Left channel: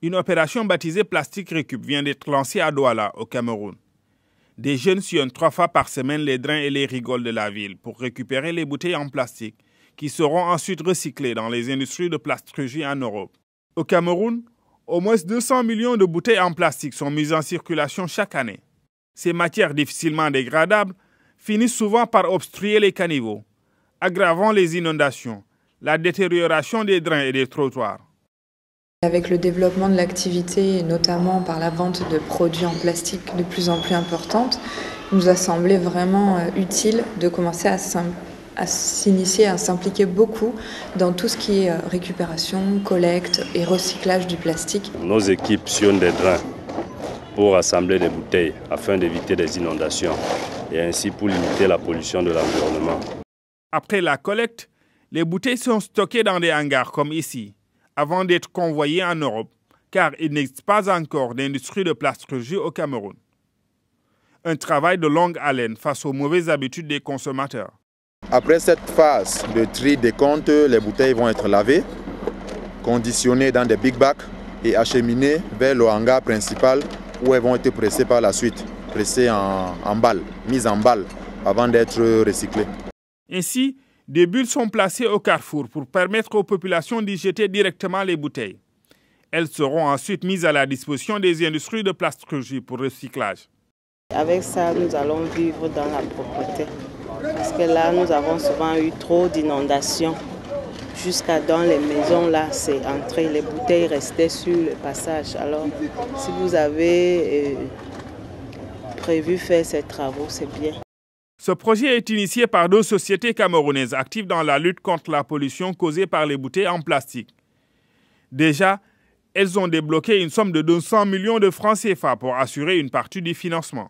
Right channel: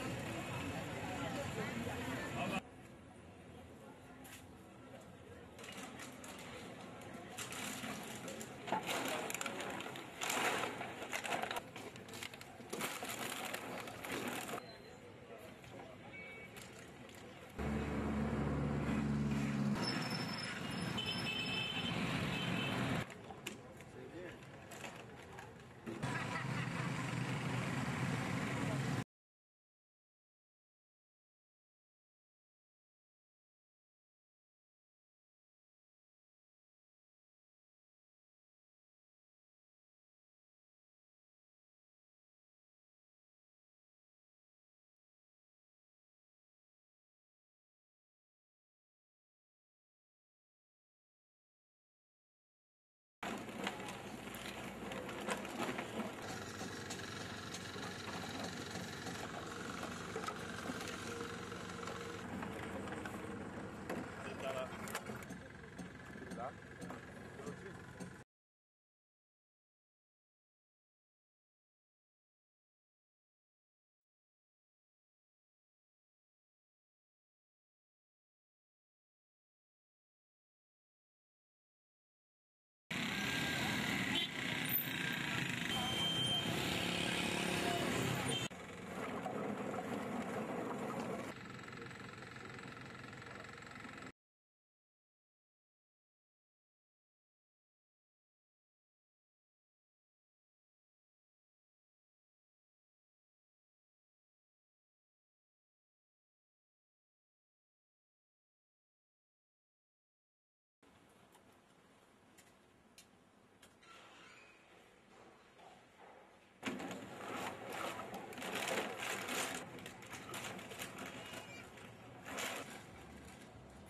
Une opération baptisée Plastique Récup vient d'être lancée à Douala, au Cameroun. Des jeunes sillonnent 3 fois par semaine les drains et les rigoles de la ville pour récupérer les bouteilles en plastique qui seront ensuite recyclées dans les industries de plastiquerie en Europe. Au Cameroun, au moins 200 millions de bouteilles en plastique sont mises en circulation chaque année. Ces matières difficilement dégradables finissent souvent par obstruer les caniveaux, aggravant les inondations, la détérioration des drains et des trottoirs. Avec le développement de l'activité, et notamment par la vente de produits en plastique de plus en plus importante, il nous a semblé vraiment utile de commencer à s'initier, à s'impliquer beaucoup dans tout ce qui est récupération, collecte et recyclage du plastique. Nos équipes sillonnent des drains pour assembler des bouteilles afin d'éviter des inondations et ainsi pour limiter la pollution de l'environnement. Après la collecte, les bouteilles sont stockées dans des hangars comme ici, avant d'être convoyées en Europe, car il n'existe pas encore d'industrie de plastiquerie au Cameroun. Un travail de longue haleine face aux mauvaises habitudes des consommateurs. Après cette phase de tri des comptes, les bouteilles vont être lavées, conditionnées dans des big bags et acheminées vers le hangar principal où elles vont être pressées par la suite, pressées en balles, mises en balles avant d'être recyclées. Ainsi, des bulles sont placées au carrefour pour permettre aux populations d'y jeter directement les bouteilles. Elles seront ensuite mises à la disposition des industries de plastiquerie pour recyclage. Avec ça, nous allons vivre dans la propreté. Parce que là, nous avons souvent eu trop d'inondations. Jusqu'à dans les maisons, là, c'est entré. Les bouteilles restaient sur le passage. Alors, si vous avez prévu faire ces travaux, c'est bien. Ce projet est initié par 2 sociétés camerounaises actives dans la lutte contre la pollution causée par les bouteilles en plastique. Déjà, elles ont débloqué une somme de 200 millions de francs CFA pour assurer une partie du financement.